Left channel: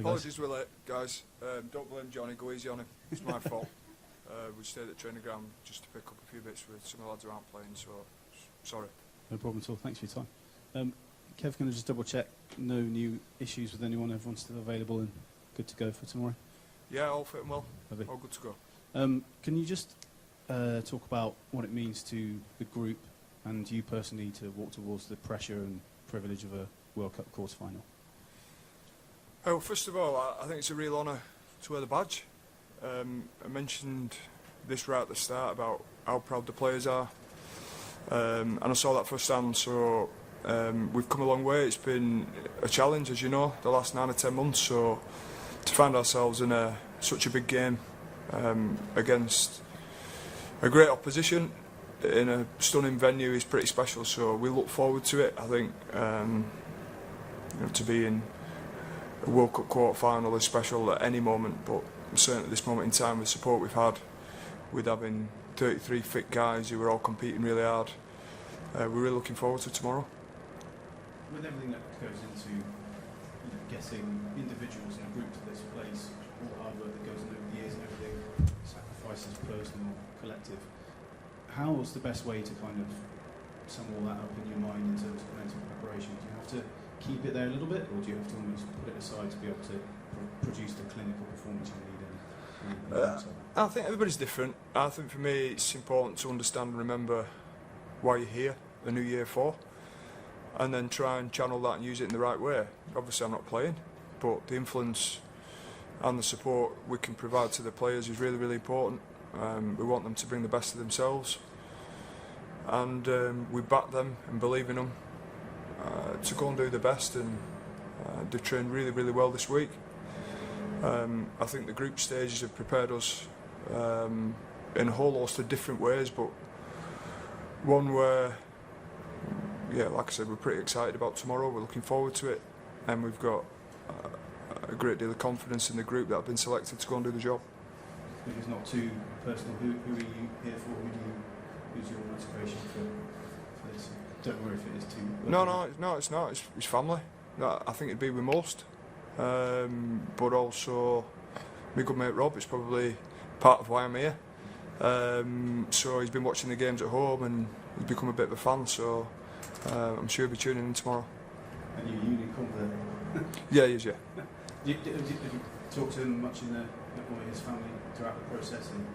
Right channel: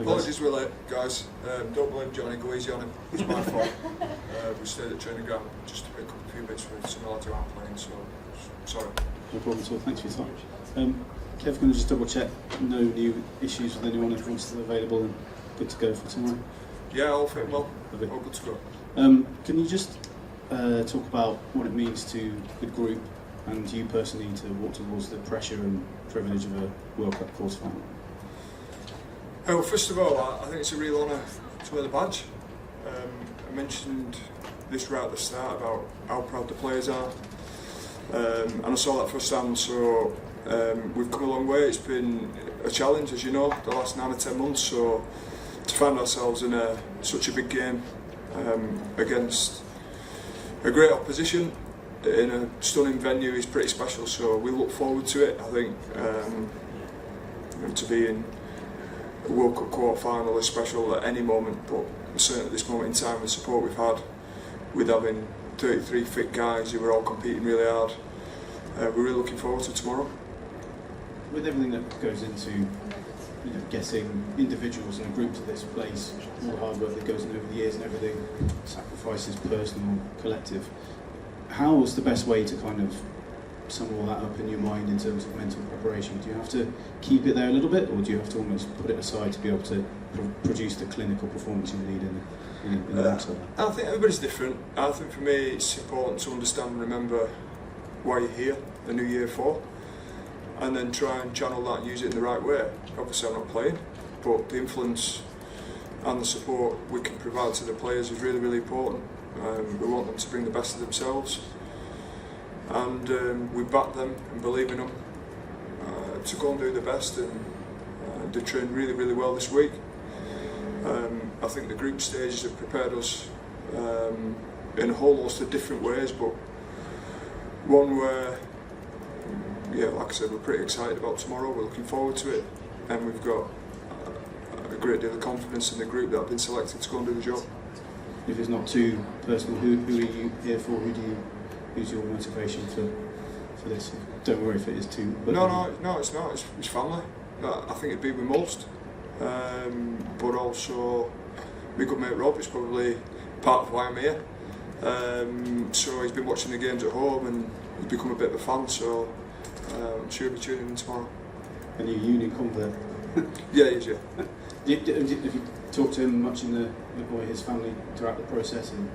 Apologies we're late, guys. Don't blame Johnny, go easy on him. It's my fault. We stayed at training ground just to pick up a few bits with some lads who aren't playing, so sorry. No problem at all, thanks for your time. Kev, can I just double check, no new issues with anyone, everyone's still available and good to go for tomorrow? Yeah, all fit well, all good to go. Can you just talk about what it means to the group and you personally to walk towards the pressure and privilege of a World Cup quarter final? Well, first of all, I think it's a real honour to wear the badge. I mentioned this right at the start about how proud the players are, and I saw that firsthand, so we've come a long way. It's been a challenge, as you know, the last 9 or 10 months, so to find ourselves in such a big game against a great opposition in a stunning venue is pretty special, so we look forward to it. I think to be in a World Cup quarter final is special at any moment, but certainly at this moment in time, the support we've had with having 33 fit guys who are all competing really hard, we're really looking forward to tomorrow. With everything that goes into getting individuals and a group to this place, all the hard work that goes in over the years and everything, sacrifices personal, collective, how's the best way to kind of sum all that up in your mind in terms of mental preparation? Do you have to keep it there a little bit, or do you have to almost put it aside to be able to produce the clinical performance you need in the next level? I think everybody's different. I think for me it's important to understand and remember why you're here, a new year for, and then try and channel that and use it in the right way. Obviously I'm not playing, but the influence and the support we can provide to the players is really, really important. We want them to bring the best of themselves, and we back them and believe in them to go and do the best, and they trained really, really well this week. I think the group stages have prepared us in a whole host of different ways, but one where, yeah, like I said, we're pretty excited about tomorrow, we're looking forward to it, and we've got a great deal of confidence in the group that have been selected to go and do the job. If it's not too personal, who are you here for? Who's your motivation for this? Don't worry if it is too. No, it's not. It's family. I think it'd be with most, but also my good mate Rob is probably part of why I'm here. So he's been watching the games at home and he's become a bit of a fan. So I'm sure he'll be tuning in tomorrow. And your uni convert? Yeah, he is. Yeah. Have you talked to him much or his family throughout the process, and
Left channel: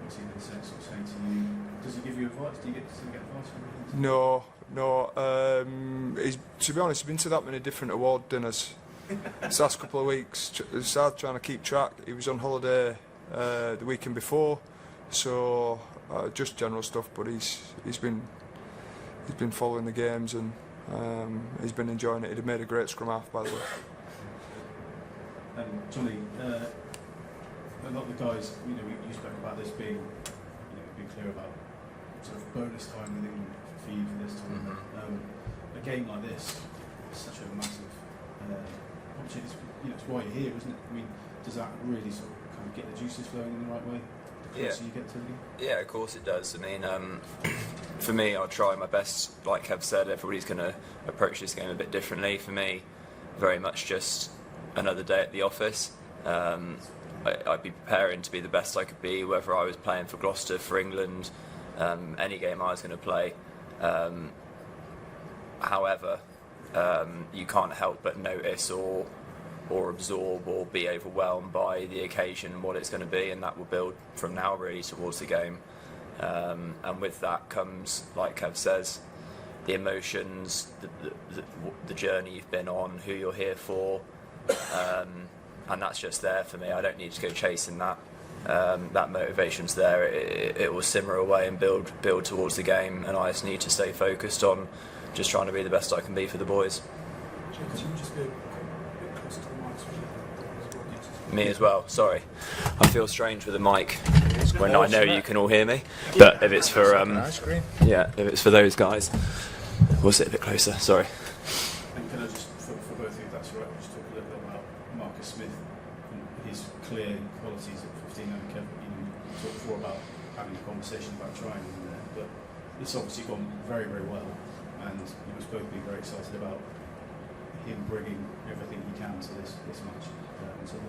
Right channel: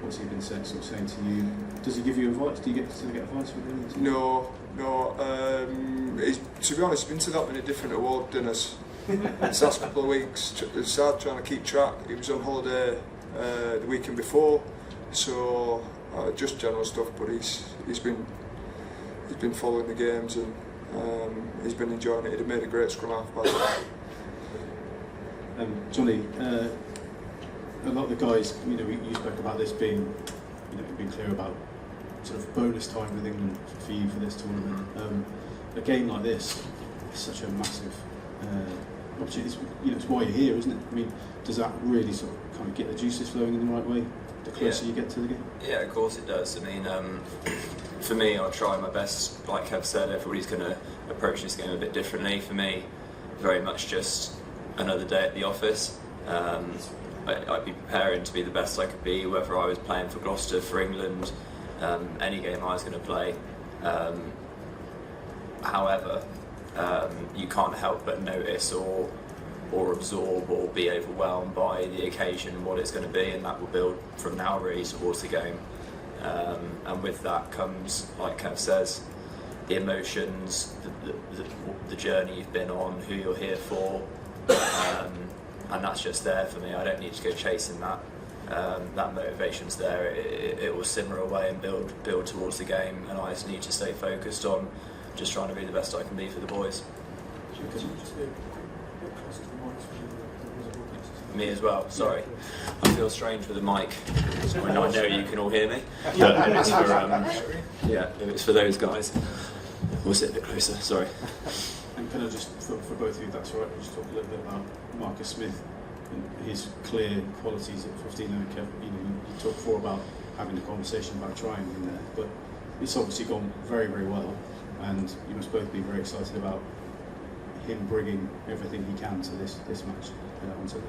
what's he been saying to you? Does he give you advice? Do you get advice from him? No. To be honest, he's been to that many different award dinners this last couple of weeks. It's hard trying to keep track. He was on holiday the weekend before, so just general stuff. But he's been following the games, and he's been enjoying it. He'd made a great scrum half, by the way. Johnny, a lot of the guys, you spoke about this being, being clear about sort of bonus time with England for you for this tournament. A game like this is such a massive opportunity. It's why you're here, isn't it? I mean, does that really sort of kind of get the juices flowing in the right way the closer you get to the game? Yeah, of course it does. I mean, for me, I'll try my best. Like Kev said, everybody's going to approach this game a bit differently. For me, very much just another day at the office. I'd be preparing to be the best I could be, whether I was playing for Gloucester, for England, any game I was going to play. However, you can't help but notice or absorb or be overwhelmed by the occasion and what it's going to be, and that will build from now really towards the game. And with that comes, like Kev says, the emotions, the journey you've been on, who you're here for, and that's just there for me. I don't need to go chasing that. That motivation's there. It will simmer away and build towards the game, and I just need to stay focused on just trying to be the best I can be for the boys. Me as well, sorry. I feel strange with a mic when I know you can all hear me. But if it's for those guys, we'll sit a bit closer, sorry. And kind of just for both of you, that's all right, we'll just talk a little bit about Marcus Smith and his clear qualities at 15. You talked before about having a conversation about trying in there, but it's obviously gone very, very well, and you must both be very excited about him bringing everything he can to this match on Sunday?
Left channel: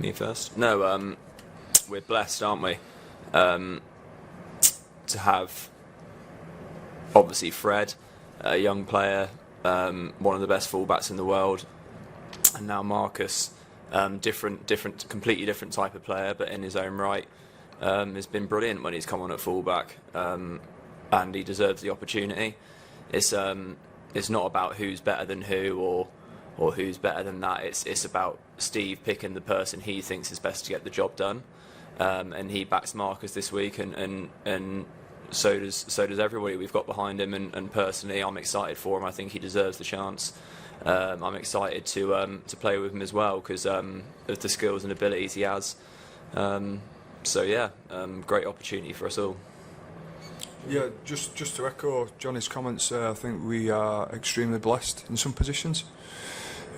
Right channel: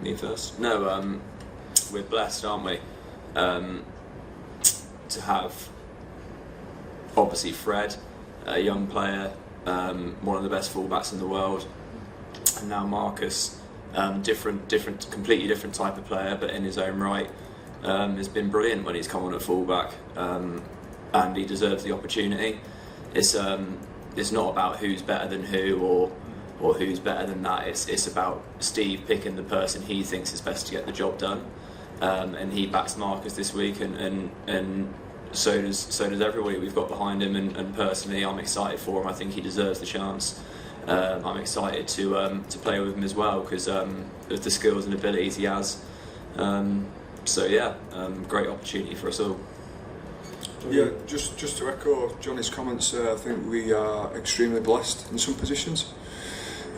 Me first. No, we're blessed, aren't we? To have obviously Fred, a young player, one of the best fullbacks in the world, and now Marcus, completely different type of player, but in his own right, has been brilliant when he's come on at fullback, and he deserves the opportunity. It's not about who's better than who or who's better than that. It's about Steve picking the person he thinks is best to get the job done, and he backs Marcus this week, and so does everybody we've got behind him. And personally, I'm excited for him. I think he deserves the chance. I'm excited to play with him as well because of the skills and abilities he has. So yeah, great opportunity for us all. Yeah, just to echo Johnny's comments, I think we are extremely blessed in some positions,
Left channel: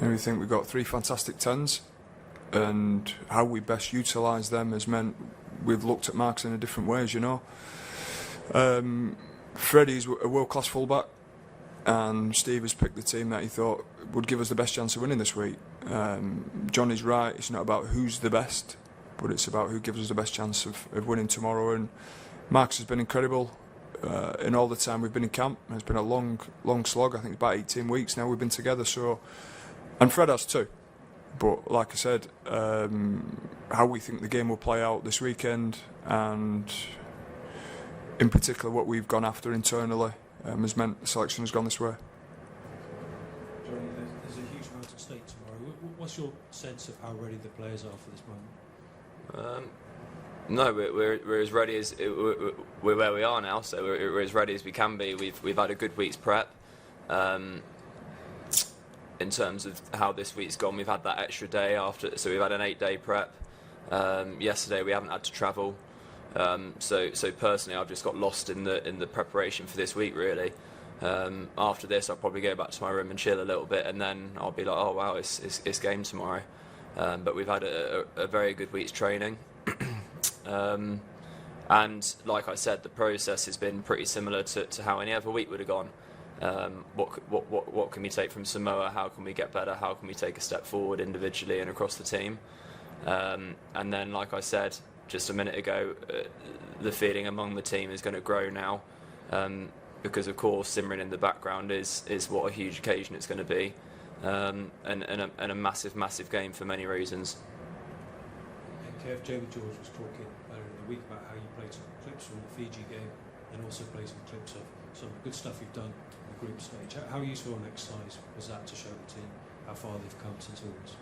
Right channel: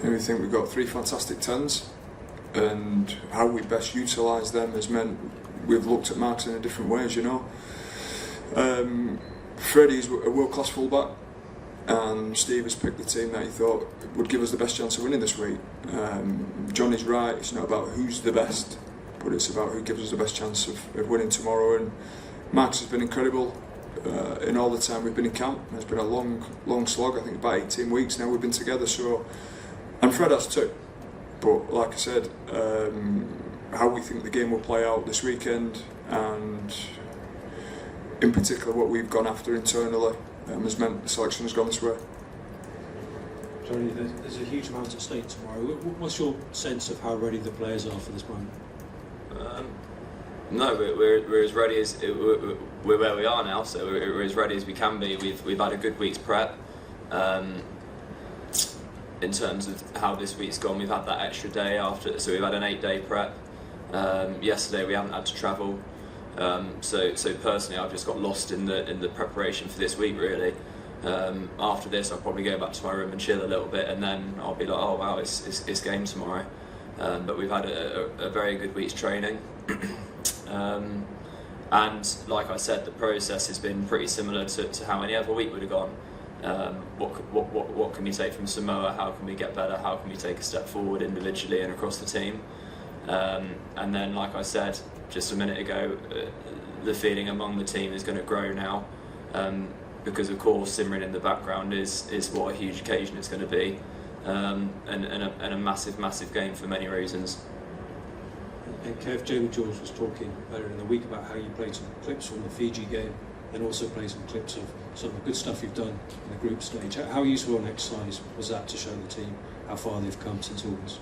and we think we've got 3 fantastic 10s, and how we best utilise them has meant we've looked at marks in a different ways, you know. Freddie's a world-class fullback, and Steve has picked the team that he thought would give us the best chance of winning this week. Johnny's right, it's not about who's the best, but it's about who gives us the best chance of winning tomorrow. And Marcus has been incredible in all the time we've been in camp. It's been a long slog. I think about 18 weeks now we've been together. So, and Fred has too. But like I said, how we think the game will play out this weekend, and in particular what we've gone after internally, has meant the selection has gone this way. Johnny, there's a huge amount at stake tomorrow. What's your sense of how ready the players are for this moment? No, we're as ready as we're where we are now. So we're as ready as we can be. We've had a good week's prep. In terms of how this week's gone, we've had that extra day after, so we've had an 8-day prep. Yesterday we haven't had to travel. So personally, I've just got lost in the preparation for this week. Really, after this, I'll probably go back to my room and chill a little bit, and then I'll be like, oh wow, it's game tomorrow. But we've had a very good week's training, and like I said, the process has been pretty similar to how any other week would have gone. What can we take from Samoa? How can we get better? How can we take a step forward individually and across the team? And then, like I said just a minute ago, the feeling among the team is going to grow now, because of course simmering in the background is what a huge occasion it's going to be, and a massive game for many reasons. And Kev, Jamie George was talking earlier in the week about how you played some clips from the Fiji game and also played some clips of some of the good stuff you've done in the group stage. How useful an exercise was that to show the team how far they've come since August?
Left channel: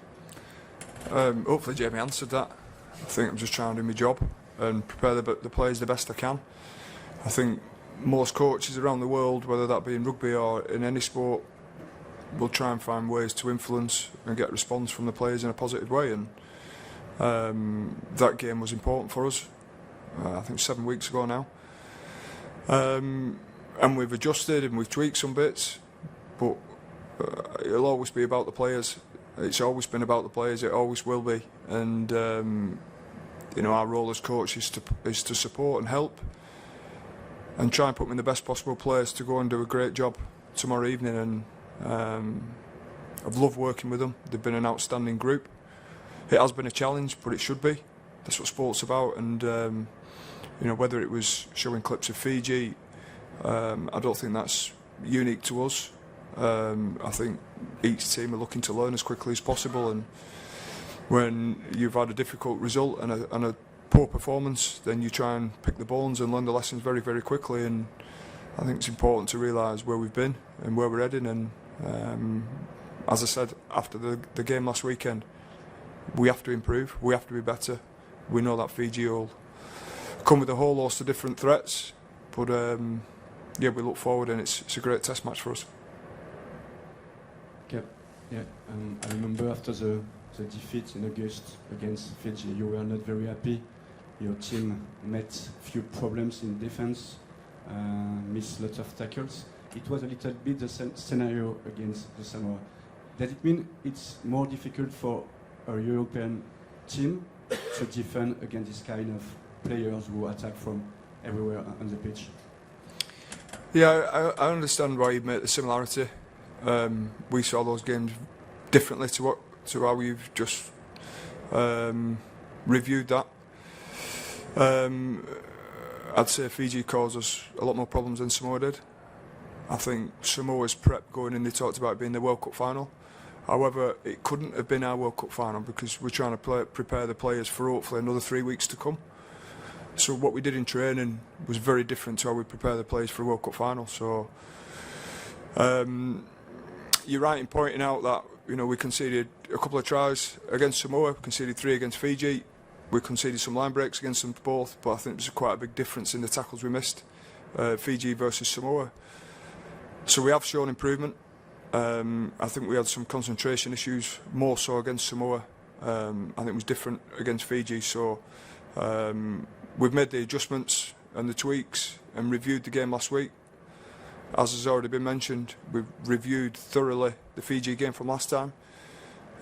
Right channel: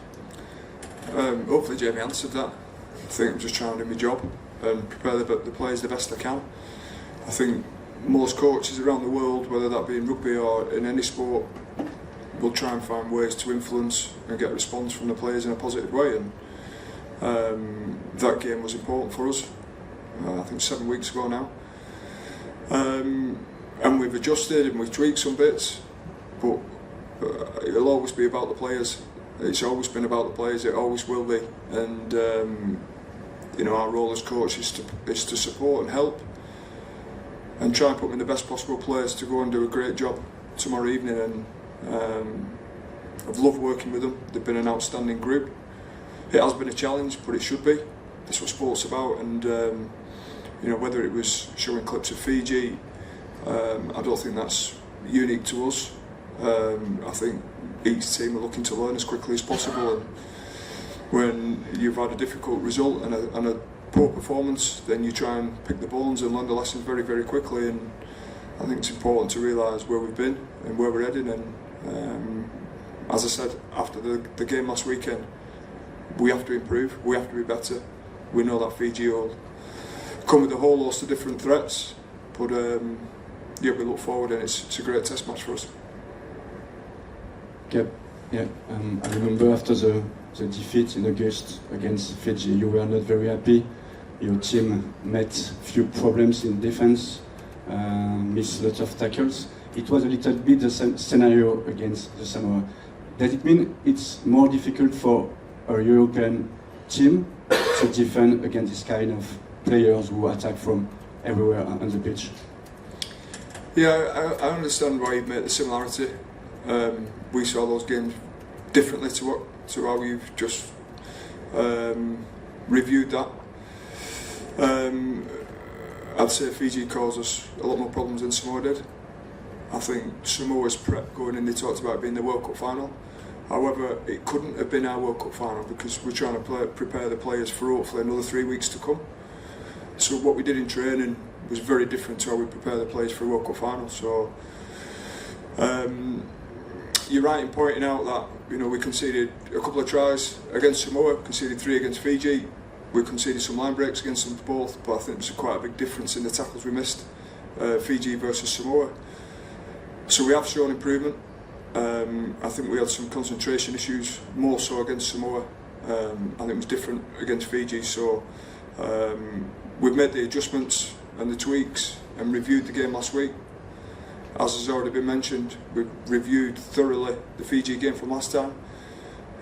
Hopefully Jamie answered that. I think I'm just trying to do my job and prepare the players the best I can. I think most coaches around the world, whether that be in rugby or in any sport, will try and find ways to influence and get a response from the players in a positive way, and that game was important for us. I think 7 weeks ago now, and we've adjusted and we've tweaked some bits, but it'll always be about the players. It's always been about the players, it always will be, and our role as coach is to support and help and try and put them in the best possible place to go and do a great job tomorrow evening. And I've loved working with them. They've been an outstanding group. It has been a challenge, but it should be. That's what sport's about. And whether it was showing clips of Fiji, I don't think that's unique to us. I think each team are looking to learn as quickly as possible, and when you've had a difficult result and a poor performance, then you try and pick the bones and learn the lessons very, very quickly. And I think it's important to realise where we've been and where we're heading. And as I said after the game last weekend, we have to improve, we have to be better. We know that Fiji will come with a whole host of different threats, but we look forward, and it's a great test match for us. Okay. Yeah, I remember after the defeat in August against Fiji, you were not very happy. Your team met few problems in defense, missed lots of tackles. It was a little bit the same scenario against the Samoa. Does it mean it's more difficult for a European team to defend against this kind of players who attack from everywhere on the pitch? Yeah, I understand why you make the similarity. We saw those games differently to how you've just reviewed that. I'd say Fiji caused us a lot more problems than Samoa did. I think Samoa's prep going in, they talked about it being the World Cup final. However, it couldn't have been our World Cup final because we're trying to prepare the players for hopefully another 3 weeks to come. So what we did in training was very different to how we prepare the players for a World Cup final. So you're right in pointing out that we conceded a couple of tries against Samoa, conceded 3 against Fiji. We conceded some line breaks against them both, but I think there's quite a big difference in the tackles we missed, Fiji versus Samoa. So we have shown improvement. I think we had some concentration issues, more so against Samoa. I think it was different against Fiji. So we've made the adjustments and the tweaks and reviewed the game last week. As has already been mentioned, we've reviewed thoroughly the Fiji game from last time,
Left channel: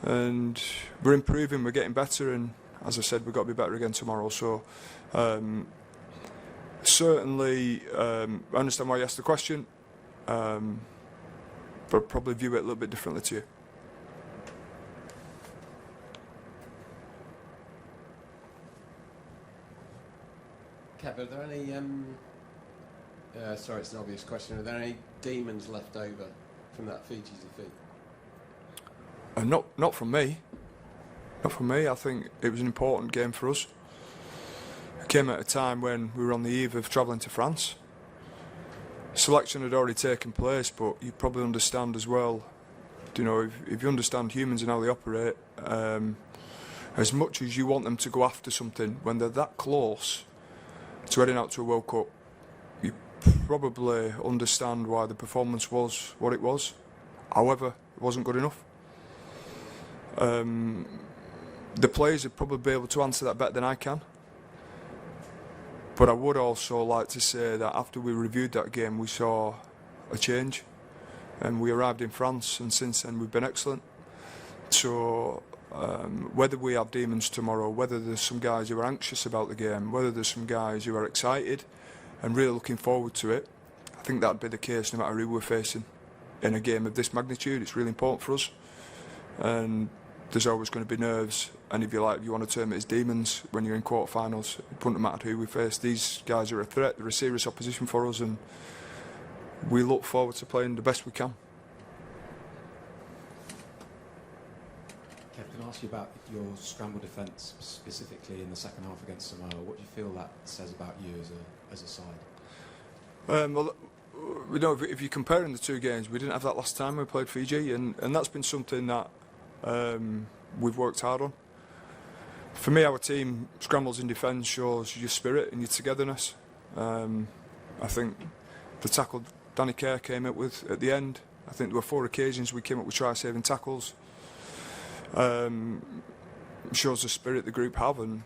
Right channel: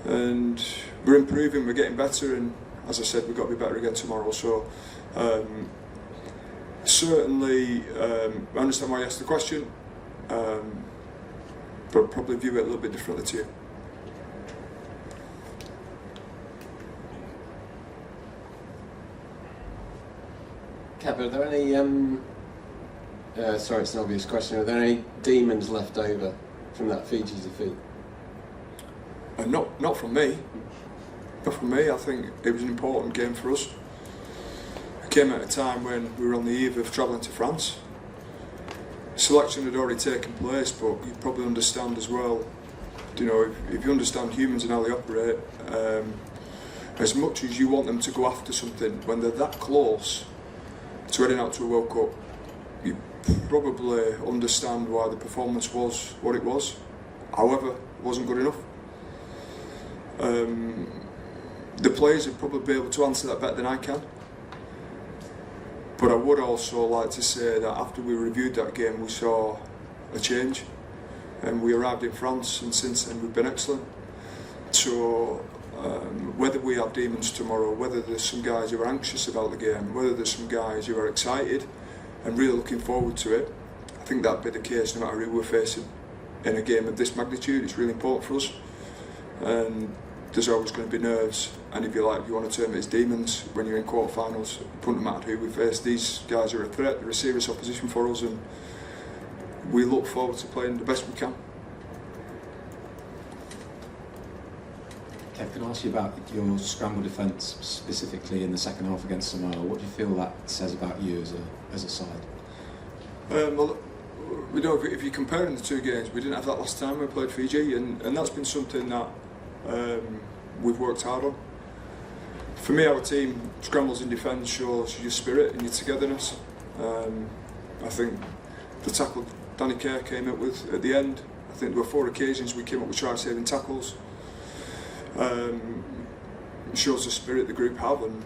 and we're improving, we're getting better, and as I said, we've got to be better again tomorrow. So certainly, I understand why you asked the question, but probably view it a little bit differently too. Kev, are there any, sorry it's an obvious question, are there any demons left over from that Fiji defeat? Not from me. Not from me. I think it was an important game for us. It came at a time when we were on the eve of travelling to France. Selection had already taken place, but you probably understand as well, if you understand humans and how they operate, as much as you want them to go after something, when they're that close to heading out to a World Cup, you probably understand why the performance was what it was. However, it wasn't good enough. The players would probably be able to answer that better than I can. But I would also like to say that after we reviewed that game, we saw a change, and we arrived in France, and since then we've been excellent. So whether we have demons tomorrow, whether there's some guys who are anxious about the game, whether there's some guys who are excited and really looking forward to it, I think that'd be the case no matter who we're facing in a game of this magnitude. It's really important for us, and there's always going to be nerves, and if you want to term it as demons when you're in quarterfinals. It wouldn't matter who we face. These guys are a threat, they're a serious opposition for us, and we look forward to playing the best we can. Kev, can I ask you about your scramble defence specifically in the second half against Samoa? What do you feel that says about you as a side? Well, if you're comparing the two games, we didn't have that last time we played Fiji, and that's been something that we've worked hard on. For me, our team scrambles in defence shows your spirit and your togetherness. I think the tackle Danny Care came up with at the end, I think there were 4 occasions we came up with try-saving tackles. Shows the spirit the group have, and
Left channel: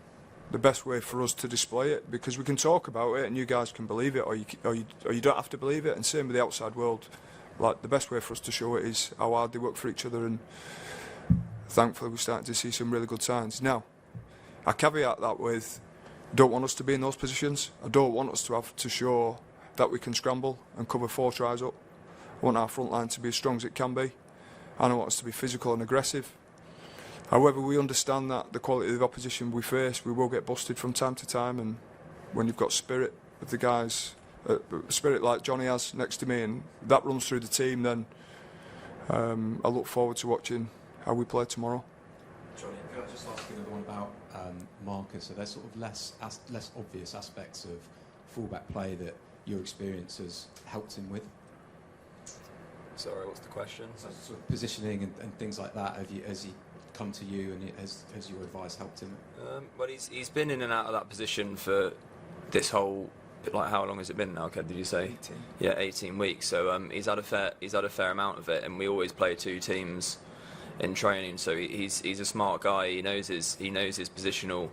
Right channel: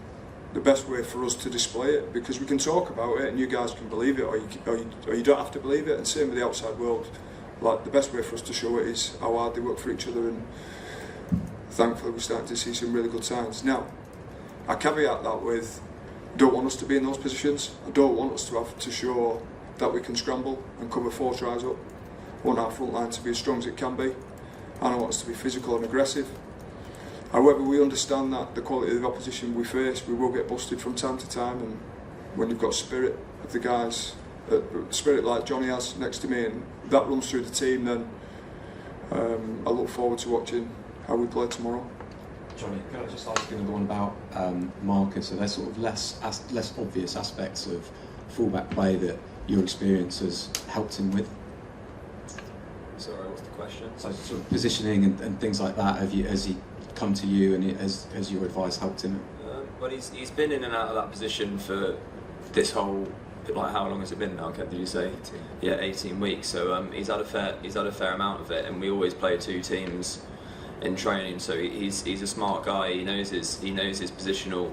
the best way for us to display it, because we can talk about it and you guys can believe it, or you don't have to believe it, and same with the outside world. Like, the best way for us to show it is how hard they work for each other, and thankfully we're starting to see some really good signs. Now, I caveat that with, I don't want us to be in those positions. I don't want us to have to show that we can scramble and cover 4 tries up. I want our front line to be as strong as it can be, and I want us to be physical and aggressive. However, we understand that the quality of the opposition we face, we will get busted from time to time, and when you've got spirit of the guys, spirit like Johnny has next to me, and that runs through the team, then I look forward to watching how we play tomorrow. Johnny, could I just ask you another one about Marcus? Are there sort of less obvious aspects of fullback play that your experience has helped him with? Sorry, what's the question? So sort of positioning and things like that, has he come to you, and has your advice helped him? Well, he's been in and out of that position for this whole, like, how long has it been now, Ken? Did you say? 18. Yeah, 18 weeks. So he's had a fair amount of it, and we always play 2 teams in training. So he's a smart guy. He knows his positional,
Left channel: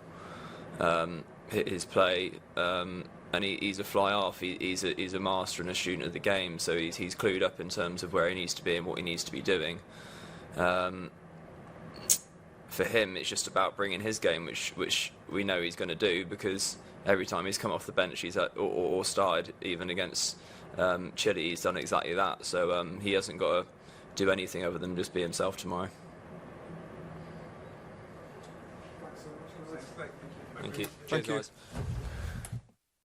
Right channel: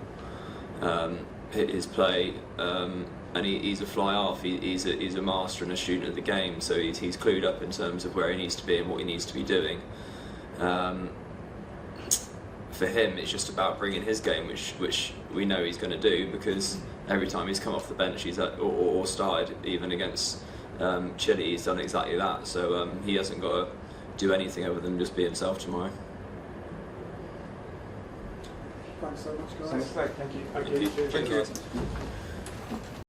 his play, and he's a fly half. He's a master and a student of the game. So he's clued up in terms of where he needs to be and what he needs to be doing. For him, it's just about bringing his game, which we know he's going to do, because every time he's come off the bench, or started, even against Chile, he's done exactly that. So he hasn't got to do anything other than just be himself tomorrow. Thanks so much, guys. Thanks, mate. Thank you. Thank you. Thank you.